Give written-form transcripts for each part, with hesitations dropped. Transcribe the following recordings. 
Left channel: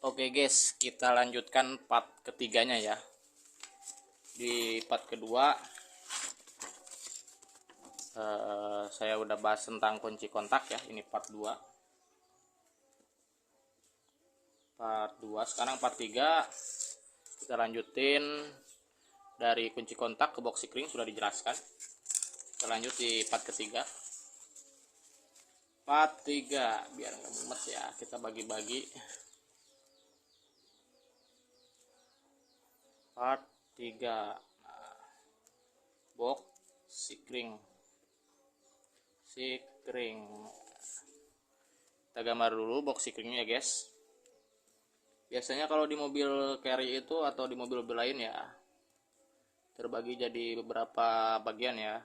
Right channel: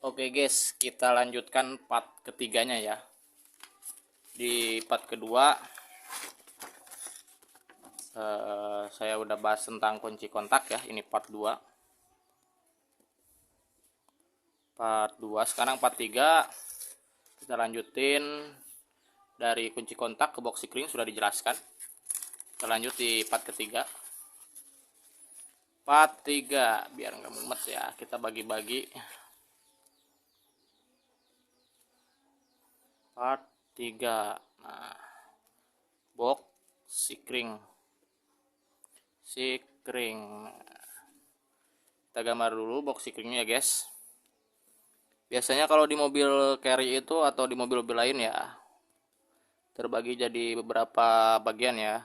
Oke guys, kita lanjutkan part ketiganya ya. Di part kedua saya udah bahas tentang kunci kontak ya. Ini part 2. Sekarang part 3 kita lanjutin dari kunci kontak ke box sikring sudah dijelaskan. Kita lanjut di part ketiga. Part 3 biar nggak mumet ya, kita bagi-bagi. Part 3. Nah, box sikring. Kita gambar dulu box sikringnya ya guys. Biasanya kalau di mobil carry itu atau di mobil-mobil lain ya terbagi jadi beberapa bagian ya.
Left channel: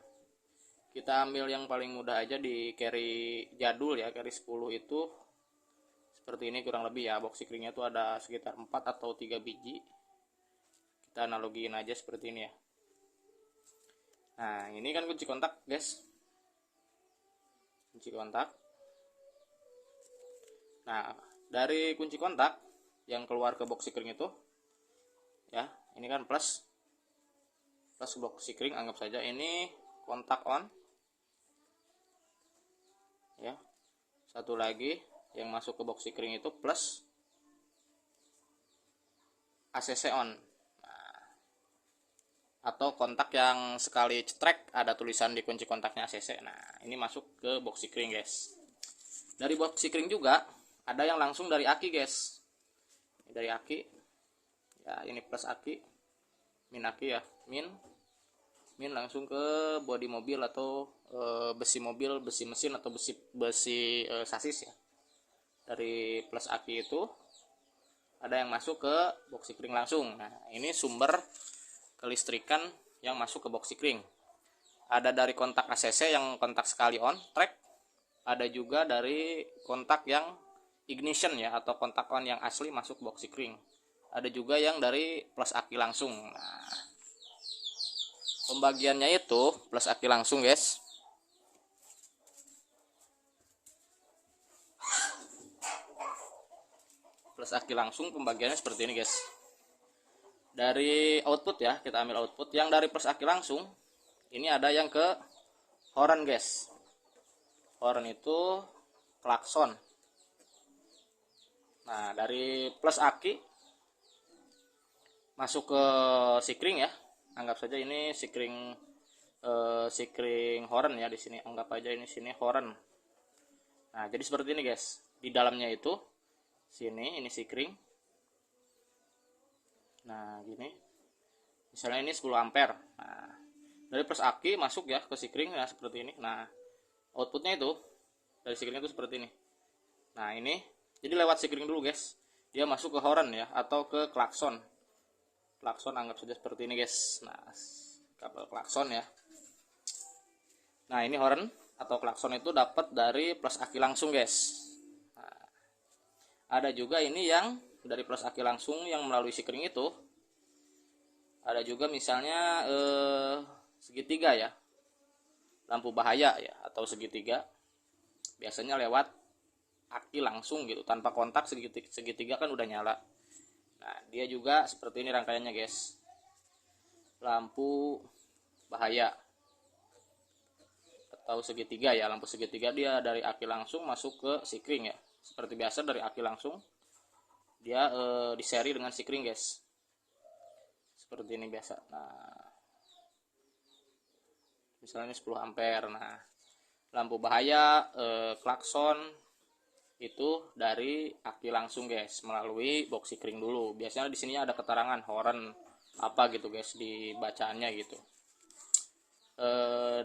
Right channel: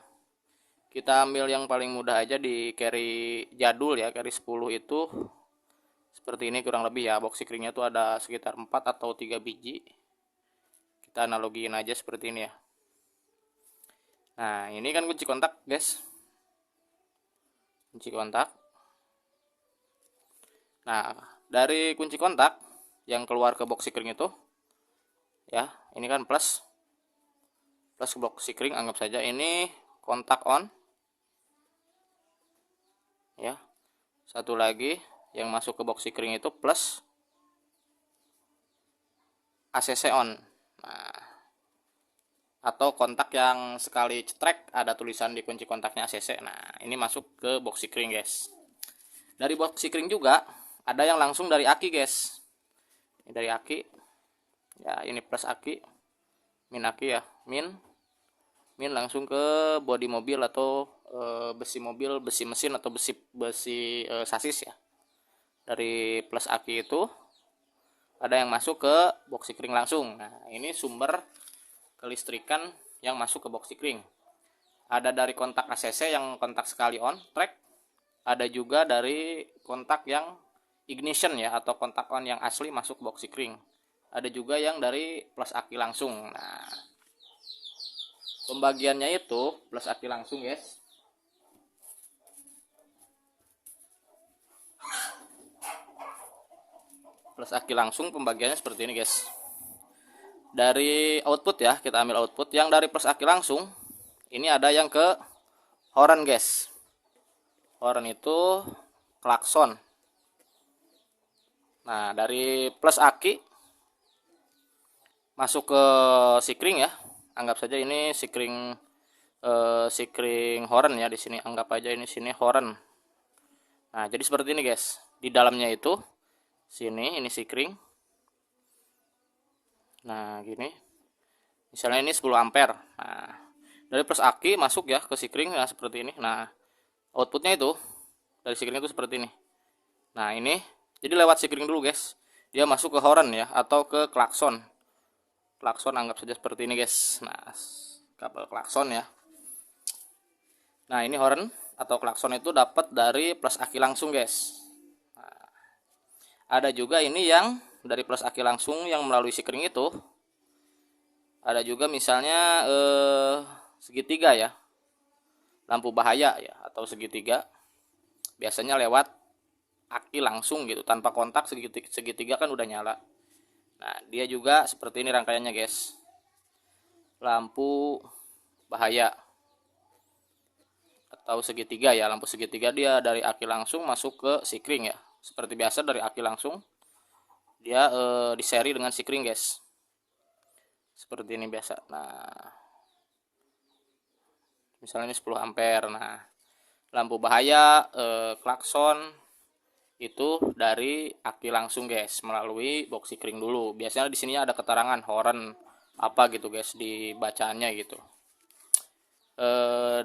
Kita ambil yang paling mudah aja di carry jadul ya, carry 10 itu seperti ini kurang lebih ya. Box sikringnya tuh ada sekitar 4 atau 3 biji. Kita analogiin aja seperti ini ya. Nah, ini kan kunci kontak guys. Kunci kontak. Nah, dari kunci kontak yang keluar ke box sikring itu ya, ini kan plus ke box sikring, anggap saja ini kontak on ya. Satu lagi yang masuk ke box sikring itu plus ACC on. Nah, atau kontak yang sekali cetrek ada tulisan di kunci kontaknya ACC. Nah, ini masuk ke box sikring guys. Dari box sikring juga ada yang langsung dari aki guys. Ini dari aki ya, ini plus aki, min aki ya, min langsung ke bodi mobil atau besi mobil, besi mesin atau besi sasis ya. Dari plus aki itu ada yang masuk ke box sikring langsung. Nah, ini sumber kelistrikan yang masuk ke box sikring. Ada dari kontak ACC yang kontak sekali on track, ada juga dari kontak yang ignition ya atau kontak on yang asli masuk box sikring. Ada juga yang dari plus aki langsung. Nah, pembagiannya itu plus aki langsung guys. Plus aki langsung pembagiannya seperti ini guys. Dari output ya, kita ambil output yang dari plus aki langsung. Ini ada yang ke horn guys. Horn itu klakson. Nah, dari plus aki masuk ke sikring ya. Anggap saja ini sikring horn ya, di sini anggap aja ini sini horn. Nah, jadi seperti ini guys. Di dalamnya itu sini ini sikring. Nah, gini. Misalnya ini 10 ampere. Nah, dari plus aki masuk ya ke sikring ya seperti ini. Nah, outputnya itu dari sikring itu seperti ini. Nah, ini jadi lewat sikring dulu guys. Dia masuk ke horn ya atau ke klakson. Klakson anggap saja seperti ini guys. Nah, kabel klakson ya. Nah, ini horn atau klakson itu dapat dari plus aki langsung guys. Nah, ada juga ini yang dari plus aki langsung yang melalui sikring itu. Ada juga misalnya segitiga ya, lampu bahaya ya atau segitiga. Biasanya lewat aki langsung gitu, tanpa kontak segitiga kan udah nyala. Nah, dia juga seperti ini rangkaiannya guys. Lampu bahaya atau segitiga ya, lampu segitiga dia dari aki langsung masuk ke sikring ya. Seperti biasa dari aki langsung dia diseri dengan sikring guys. Seperti ini biasa. Nah, misalnya ini 10 ampere. Nah, lampu bahaya klakson itu dari aki langsung guys, melalui box sikring dulu. Biasanya di sini ada keterangan horn apa gitu guys di bacaannya gitu.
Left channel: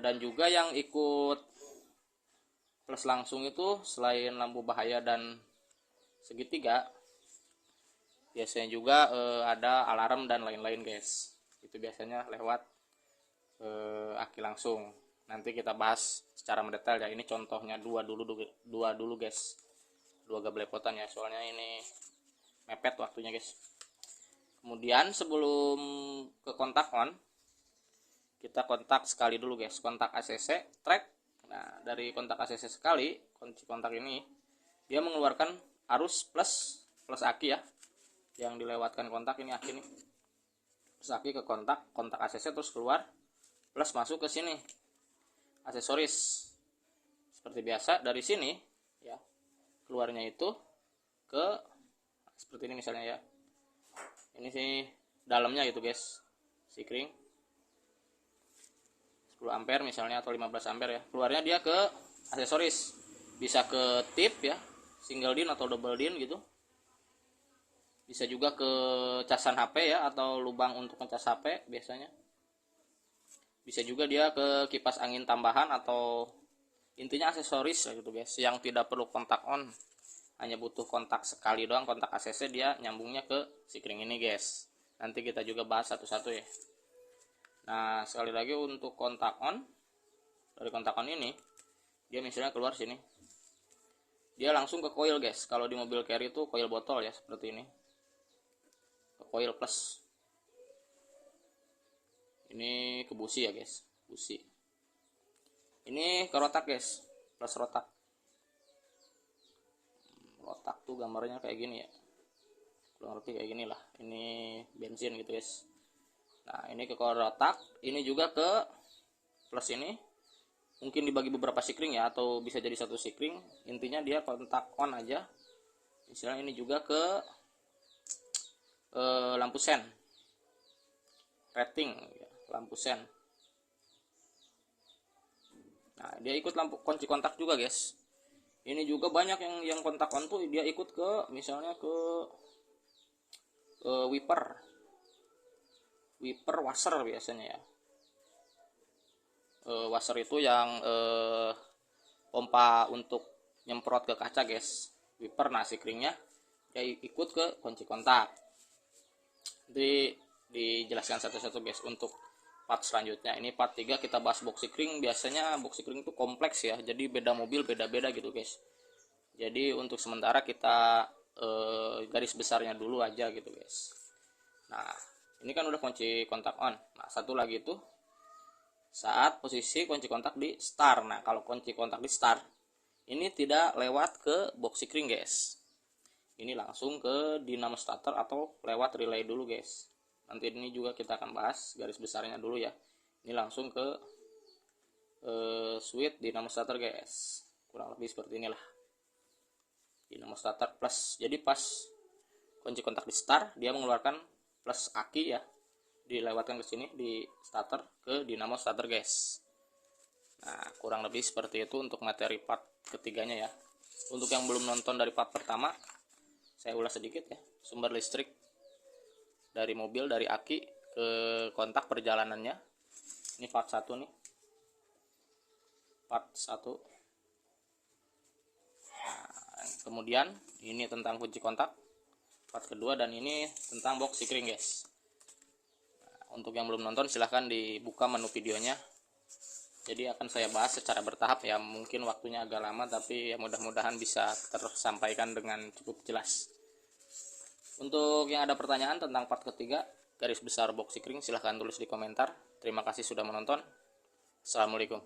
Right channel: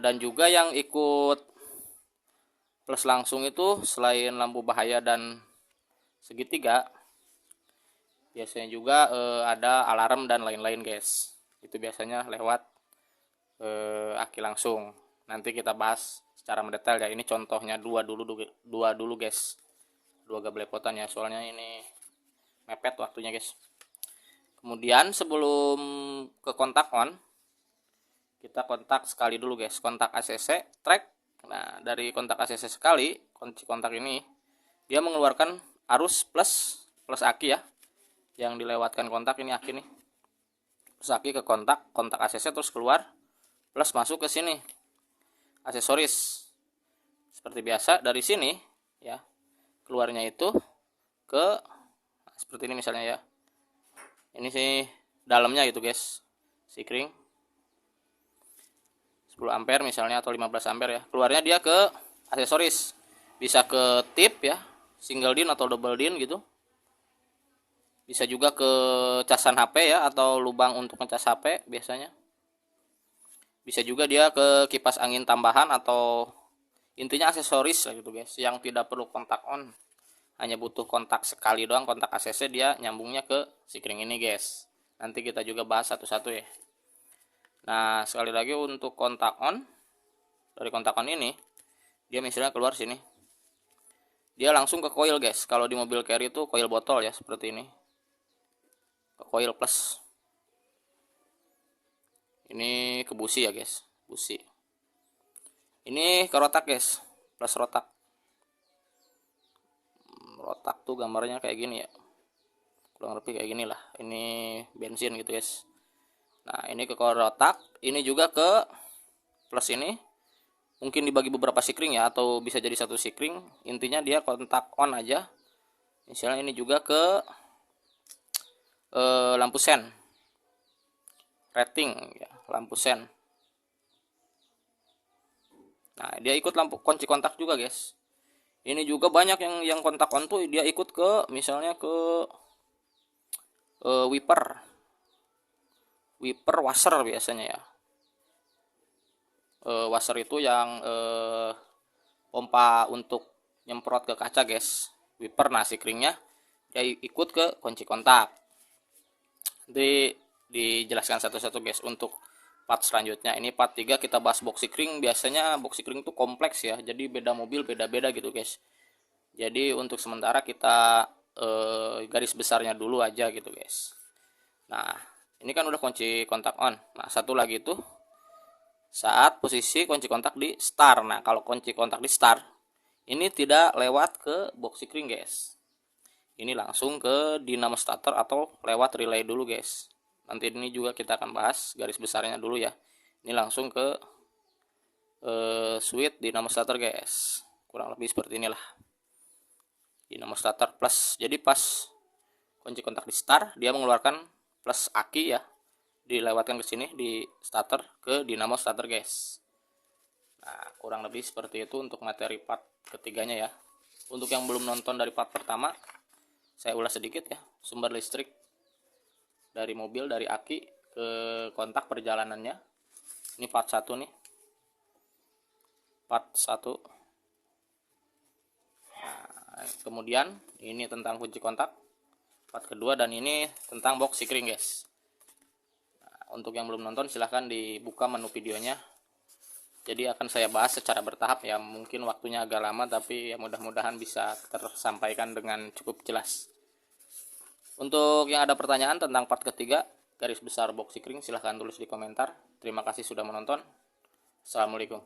Dan juga yang ikut plus langsung itu selain lampu bahaya dan segitiga, biasanya juga ada alarm dan lain-lain guys. Itu biasanya lewat aki langsung. Nanti kita bahas secara mendetail ya. Ini contohnya dua dulu guys. Dua gablepotan ya, soalnya ini mepet waktunya guys. Kemudian sebelum ke kontak on, kita kontak sekali dulu guys, kontak ACC track. Nah, dari kontak ACC sekali, kunci kontak ini dia mengeluarkan arus plus aki ya. yang dilewatkan kontak ini aki nih, terus aki ke kontak ACC terus keluar, plus masuk ke sini aksesoris seperti biasa. Dari sini ya keluarnya itu ke seperti ini misalnya ya, ini sih dalamnya gitu guys, sikring 10 ampere misalnya atau 15 ampere ya, keluarnya dia ke aksesoris, bisa ke tip ya, single din atau double din gitu, bisa juga ke casan HP ya atau lubang untuk ngecas HP biasanya, bisa juga dia ke kipas angin tambahan, atau intinya aksesoris lah gitu guys, yang tidak perlu kontak on, hanya butuh kontak sekali doang, kontak ACC, dia nyambungnya ke sikring ini guys. Nanti kita juga bahas satu-satu ya. Nah sekali lagi untuk kontak on, dari kontak on ini dia misalnya keluar sini, dia langsung ke coil guys. Kalau di mobil carry itu coil botol ya, seperti ini, ke coil plus. Ini ke busi ya guys, busi. Ini ke rotak guys, plus rotak. Rotak tuh gambarnya kayak gini ya, kurang lebih kayak gini lah. Ini bensin gitu guys. Nah ini ke rotak, ini juga ke plus ini. Mungkin dibagi beberapa sikring ya, atau bisa jadi satu sikring. Intinya dia kontak on aja. Misalnya ini juga ke lampu sen, rating ya, lampu sen. Nah dia ikut lampu kunci kontak juga guys. Ini juga banyak yang kontak on tuh dia ikut ke misalnya ke wiper washer biasanya ya. Washer itu yang pompa untuk nyemprot ke kaca guys, wiper. Nah sikringnya dia ikut ke kunci kontak. Nanti dijelaskan satu-satu guys. Untuk part selanjutnya, ini part 3 kita bahas box sikring. Biasanya box sikring itu kompleks ya, jadi beda mobil beda-beda gitu guys. Jadi untuk sementara kita garis besarnya dulu aja gitu guys. Nah ini kan udah kunci kontak on. Nah satu lagi itu saat posisi kunci kontak di start. Nah kalau kunci kontak di start ini tidak lewat ke box sikring guys, ini langsung ke dinamo starter atau lewat relay dulu guys. Nanti ini juga kita akan bahas garis besarnya dulu ya. Ini langsung ke switch dinamo starter guys, kurang lebih seperti inilah dinamo starter plus. Jadi pas kunci kontak di start dia mengeluarkan plus aki ya, dilewatkan ke sini di starter ke dinamo starter guys. Nah kurang lebih seperti itu untuk materi part ketiganya ya. Untuk yang belum nonton dari part pertama, saya ulas sedikit ya, sumber listrik dari mobil, dari aki ke kontak perjalanannya. Ini part 1 nih, part 1. Nah, kemudian ini tentang kunci kontak part kedua, dan ini tentang box sikring guys. Nah, untuk yang belum nonton silahkan dibuka menu videonya, jadi akan saya bahas secara bertahap ya. Mungkin waktunya agak lama, tapi ya mudah-mudahan bisa tersampaikan dengan cukup jelas. Untuk yang ada pertanyaan tentang part ketiga garis besar box sikring, silahkan tulis di komentar. Terima kasih sudah menonton. Assalamualaikum.